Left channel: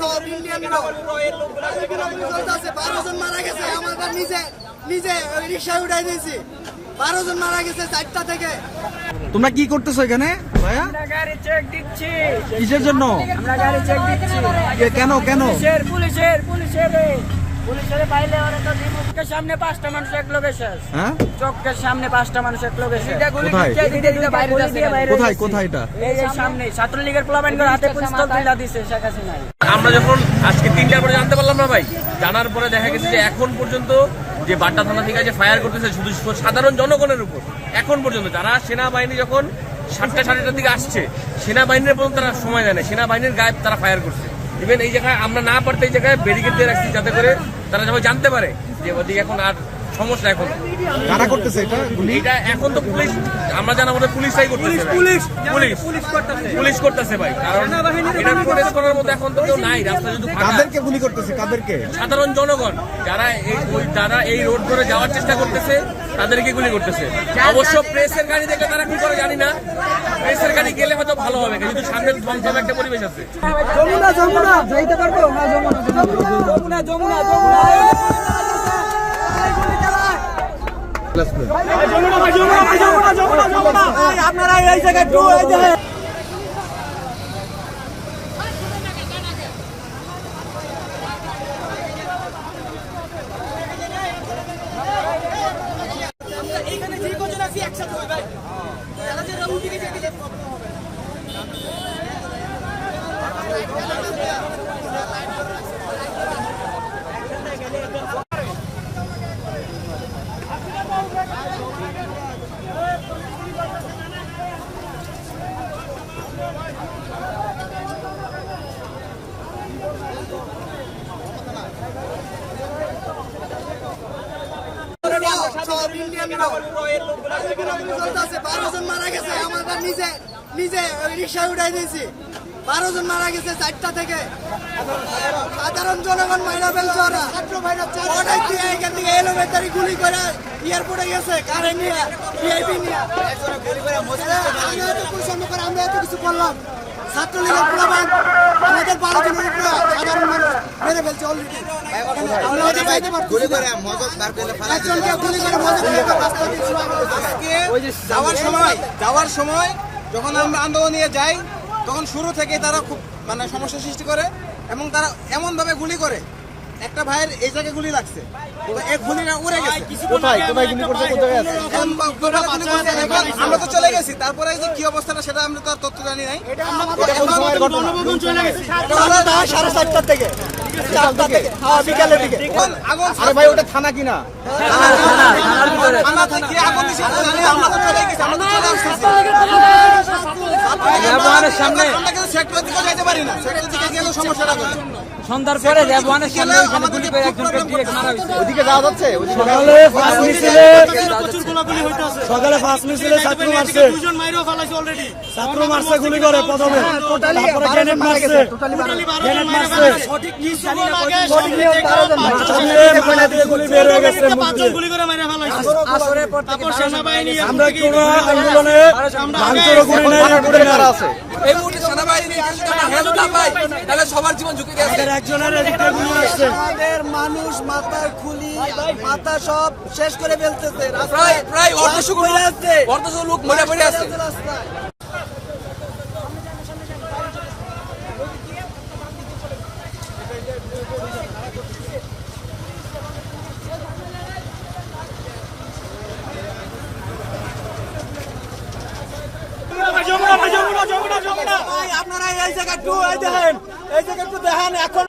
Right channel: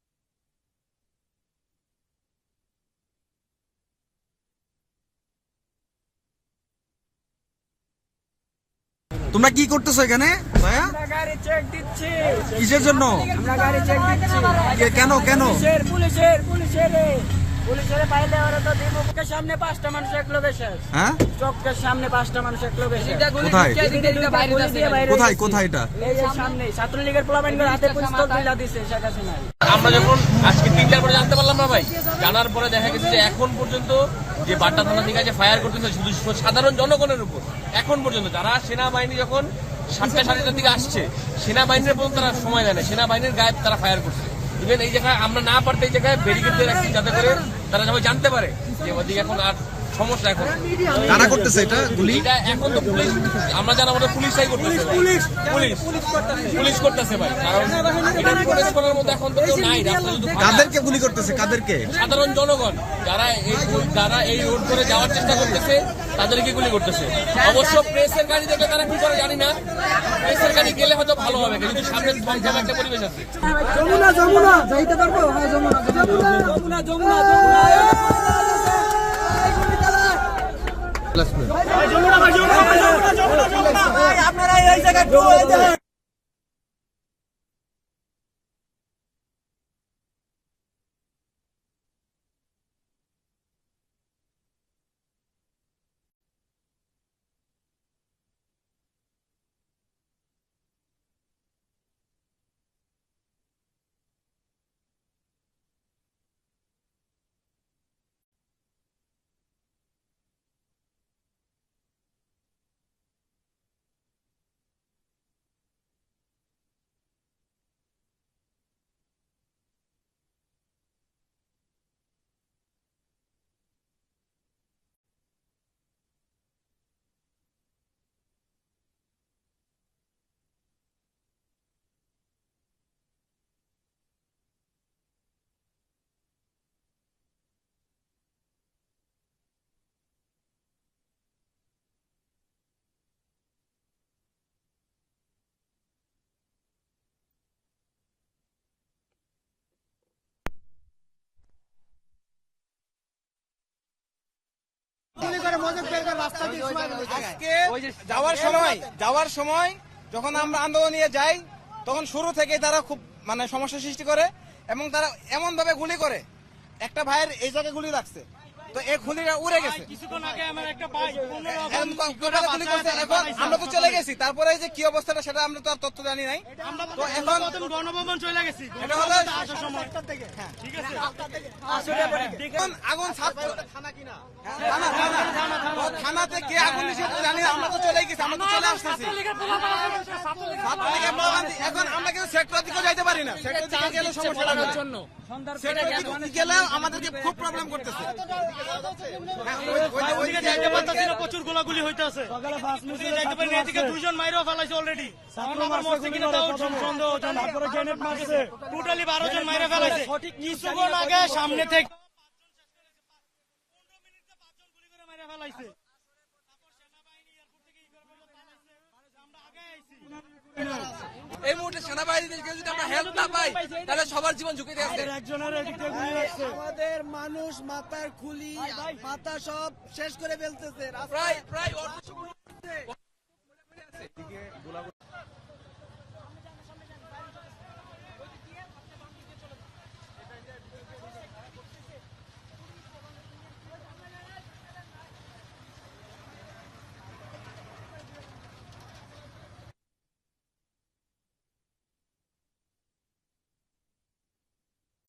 সব ইন্ডিয়ান চলতেছে। 12 জন মারা গেছে, আমাদের নিজে রিক্সা উঠাই দিয়েছি। 12 জন মারা গেছে 4টা থেকে। তোমরা কি করতেছো এখানে ভাইয়া? আমরা গাড়ি চেক দিচ্ছি। কিসের জন্য? আমরা গাড়ি চেক দিচ্ছি। কেন কেন? পুলিশের পাইলে ওরা তো চোখের সামনে 5টা মানুষ একলো গেছে। হ্যাঁ, চোখের সামনে 5টা মানুষ একলো গেছে। কোথায় কোথায় কোথায়? কোথায় এটা? এই যে সামনে ছাত্রলীগের পোলাপাইনদের হাতে পিস্তল তুলে দিছে শেখ হাসিনা। আমরা যখন আজকে 3টার পরে জানতে পারলাম না ভাই, জানার পরে দেখা গেছে যে এখন পর্যন্ত যে বাড্ডা থানা থেকে যে ফায়ার করতেছে শুধু সাধারণ জনগণের উপর। এখন পর্যন্ত যারা সেনাবাহিনী যখন 7টা 7:30 দিকে আসছে, সেনাবাহিনীর পর্যন্ত তারা সময় দেয় না, সেনাবাহিনীর গায়ে তারা ফায়ার করছে। ইভেন এই জায়গায় আমরা না পারতে এই জায়গায় ব্যারিকেড দিয়ে রাখছি যাতে করে তারা সবাই জানতে পারে যে ওদিকে এখন আর সমস্যা। এখন কারা করতেছে এটা গুলি? এটা এখন তো পুলিশ, আমরা জানা মতো পুলিশটাই করতেছে ভাই। পুলিশ করতেছে ভাই, কারণ এটা প্রোটেস্ট করার মতো এখন তো কেউ নাই, রাস্তা যদি ফাঁকা। কাদেরকে গুলি করতেছে? কাদেরকে? সাধারণ জনগণ যারা এই রোড ধরে যাওয়ার চেষ্টা করতেছে তাদেরকে গুলি করতেছে। অবশ্য প্রেসের গাড়ি দেখলে তারা কি করে জানি না, প্রেসের গাড়ি গেলে হয়তো ভালো হবে, কিন্তু সামনে থমথম একটা পরিবেশ আছে। যমুনা যাইতে পারবো? হ্যাঁ, যমুনা। আপনারা এই জায়গায় সব ইন্ডিয়ান চলতেছে। 12 জন মারা গেছে, আমাদের নিজে রিক্সা উঠাই দিয়েছি। 12 জন মারা গেছে 4টা থেকে। সাধারণ জনগণ মাইরা ফেলছে ওরা। অনেক দিয়ে এখান থেকে এলোমেটারি গুলি করে এয়ারপোর্টে গেছে, কারে নিয়ে, ভিআইপি নিয়ে। আমরা এত কিছু করলাম, ছাত্রলীগের প্রমাণ আমাদের 12 জনের উপরে সাধারণ মানুষ মেরে ফেলছে অলরেডি। আমরা ওদের চাইতে পারছি যাওয়ার সময় যখন আমরা আন্দোলন নিয়ে যাই, তখন শুরু থেকে তারা খুব সমস্যা সৃষ্টি করে এবং তারা এমন ভাবে গুলি করে। একটা ভাইয়ের এই জায়গায় গুলি লাগছে, এক গুলিটা উড়ে গেছে। কোথায় গুলি করতে? কোথায় আছে? আমরা তো চলে গেছি, তারপরে যে কি অবস্থাটা সেটা আমরা তো আর তথ্য জানি নাই। সাড়ে 4টার থেকে, বিকালের দিকে। আরে ভাই ওটা থানা কিনা? থানা থেকে আগুন দিছে, আমরা তো চলে গেছি, আমরা তো চলে আসতেছি। সামনে সেক্টর থেকে যেতে পারি না, সেক্টর থেকে গেলে সমস্যাটা হবে। সন্ধ্যার পরে রেবওয়ানের সামনে ওইখানে গুলি করে একজনকে ডিরেক্ট মারা হয়েছে। ওদিকে যাওয়া যাচ্ছে? সকালে ফার্স্ট মিছিলে ছাত্র মারছে, ছাত্র মারছে গুলি করে প্রথমে, তারপরে গ্রেনেড মারছে, গুলি বের হয়ে গেছে। আমরা কোন আন্দোলনে ভাঙচুরও করি নাই, আছে এই মুহূর্তে সেনাবাহিনী তাহলে সবার জীবন ঝুঁকি আছে। আমাদের একজনের এদিকে গুলি লাগছে। আমাদের মানুষ মাথার খুলি, মাথা সব শেষ করে ফেলতেছে। প্রায় অর্ধশো লোক মরে পড়ে আছে। আপনারা এই জায়গা একটু দেখেন, এই জায়গা একটু দেখেন। এখন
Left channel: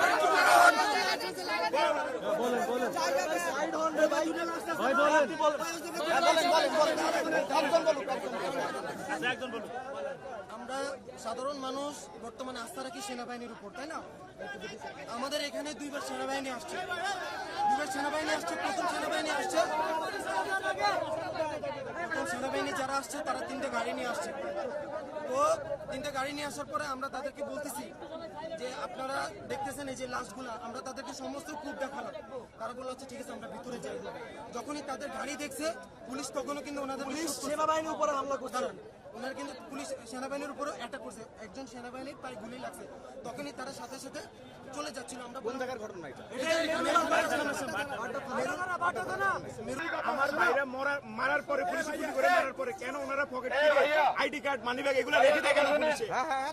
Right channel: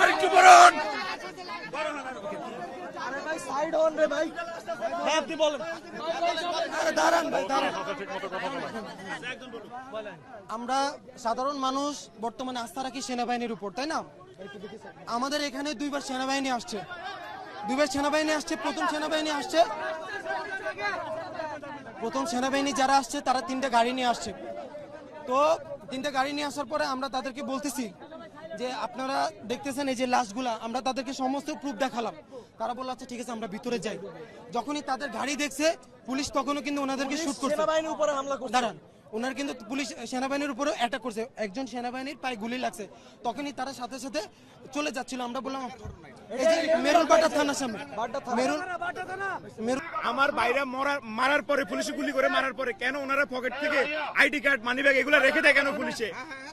আরেকটু বড় হন। আমরা সাধারণ মানুষ বর্তমানে আস্থা রাখি সেনাবাহিনীর উপর, তাই না? আমাদের এখানে দুইবার সেনাবাহিনী আসছে, প্রথম সেনাবাহিনী যারা আসছে তারা 3টা গাড়ি নিয়ে আসছে। তো 3টা গাড়ি নিয়ে আসার পরে আমরা তাদেরকে বলতেছি যে আপনারা দেখতেছেন এই যে লাশগুলা, আমরা তাদেরকে সমস্ত প্রুফ দেখালাম। তারা বলল আচ্ছা ঠিক আছে আমরা ভিতরে যাই। যখনই তাদের গাড়ি দেখছে পুলিশ তখনও কিন্তু ওনাদেরকে শুট করছে, সেনাবাহিনীর উপরে হামলা করছে। দাঁড়ান, ওনার কিন্তু পুলিশ সেনাবাহিনীর উপরেও অ্যাটাক করছে, একজন সেনাবাহিনীর পায়ে গুলি লাগছে। তখনই তারা সাথে সাথে চলে যাচ্ছিল। আমরা বললাম মেরুলবাটা থানার সামনে, আমার ভাইরা মারার পরে পুলিশে গুলি করে মারার পরে কেন ওনারা পকেট থেকে আইডি কার্ড মানিব্যাগ এগুলো রেখে দেয় কেন?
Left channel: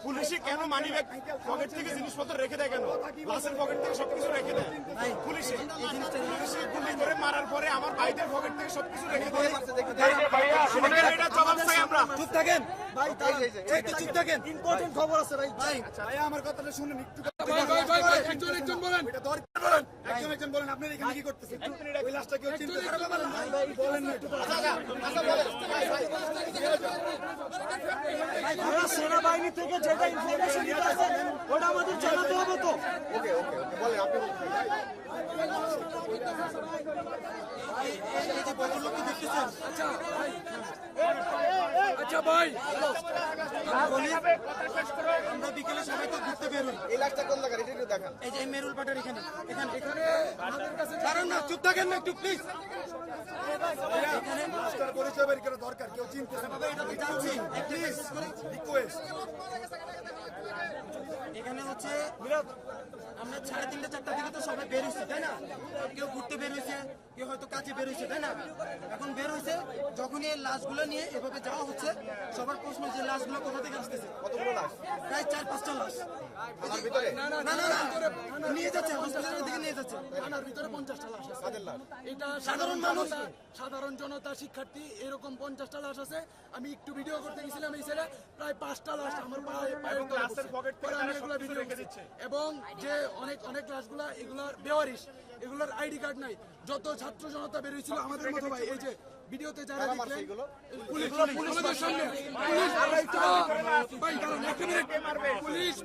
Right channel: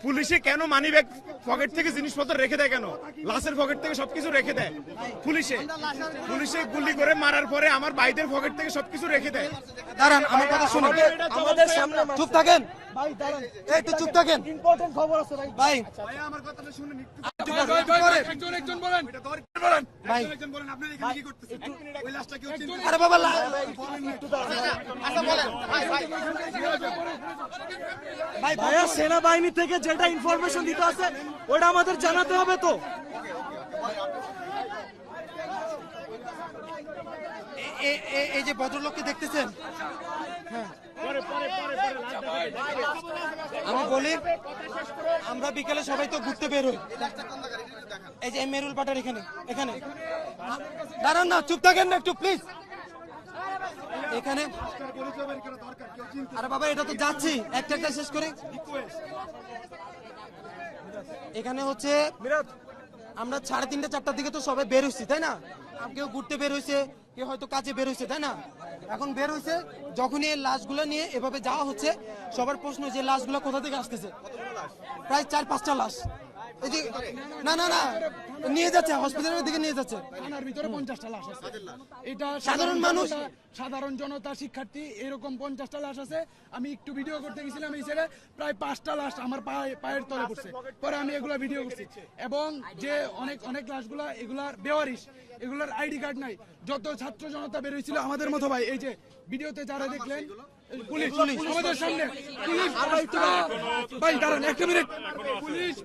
পুলিশে কেন মানিব্যাগ পকেট থেকে জিনিসপত্র রেখে দেয় কেন? লাশের পকেট থেকে সবকিছু রেখে দেয় পুলিশে গুলি করে মারার পরে আমার ভাইদের পকেট থেকে সবকিছু রেখে দেয়। দাঁড়ান আমার কথা শুনুন, চুপ থাকেন ভাই, দাঁড়ান একটু চুপ থাকেন, ইম্পর্টেন্ট খবর আছে ভাই। ভাই আমার কথাটা শুনুন একটু। আরে বাবা ভাইয়া, সেনাবাহিনী থেকে যেটা ইনফরমেশন দিতে আছে ওটা আমাদের জানাতে হবে তো। এই যে ভদ্রলোককে দেখতেছেন, আমরা বিকেলে সবাই তো ঘুরতে বের হই। এই যে মেরুল পাটার এখানে দাঁড়ান না, চুপ থাকেন না একটু প্লিজ। এখানে আরে বাবা এটা তো যাচ্ছি, একটা শেষ করি। এখানে হচ্ছে আমরা 3:30 4টার দিকে তো সবাই বের হয়েছি, তাই না? কেউ ঘুরতে বের হয়েছে, কেউ হয়তো কাজে বের হয়েছে, তাই না? এখন বের হয়েছে, যখনই এই লাশগুলো নিয়ে এভাবে যাওয়া হচ্ছে, সবার প্রশ্ন যে লাশগুলো কোথা থেকে আসতেছে। প্রায় 4-5টা লাশ এই যে না না না নিয়ে যাচ্ছে, হসপিটালের দিকে নিয়ে যাচ্ছে। ভিতরে 50টা লাশ আছে। এটা সাধারণ মানুষ, সাধারণ জনতা, শিক্ষার্থী, এরকম 50টা লাশ আছে। আমি একটু ভিডিও করতে গেছিলাম, এই ছেলে প্রায় 5টা লাশ আমার পায়ের তলে পড়ছে। পরে আমি এগুলা ভিডিও করছি। এবং যে অনেক লাশগুলা এগুলার বেওয়ারিশ, এগুলার আইডি কার্ড নাই। যত ছাত্র জনতা বের হয়েছিল আমাদের মতো ভাই, এই যে ভিডিওতে যারা দেখলেন, পুলিশ আমাদের সামনে, ভাই দাঁড়ান একটা মিনিট,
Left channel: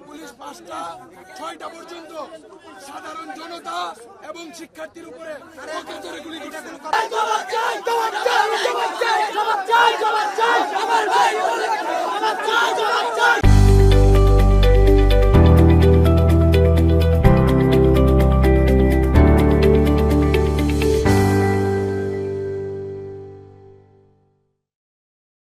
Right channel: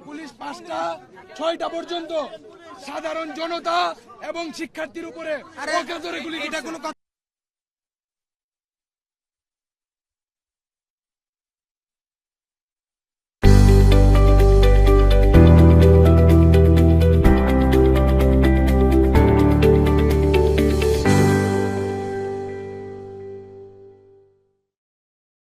পুলিশ 5টা 6টা পর্যন্ত সাধারণ জনতা এবং শিক্ষার্থীর উপরে গুলি। এটা কোনো কথা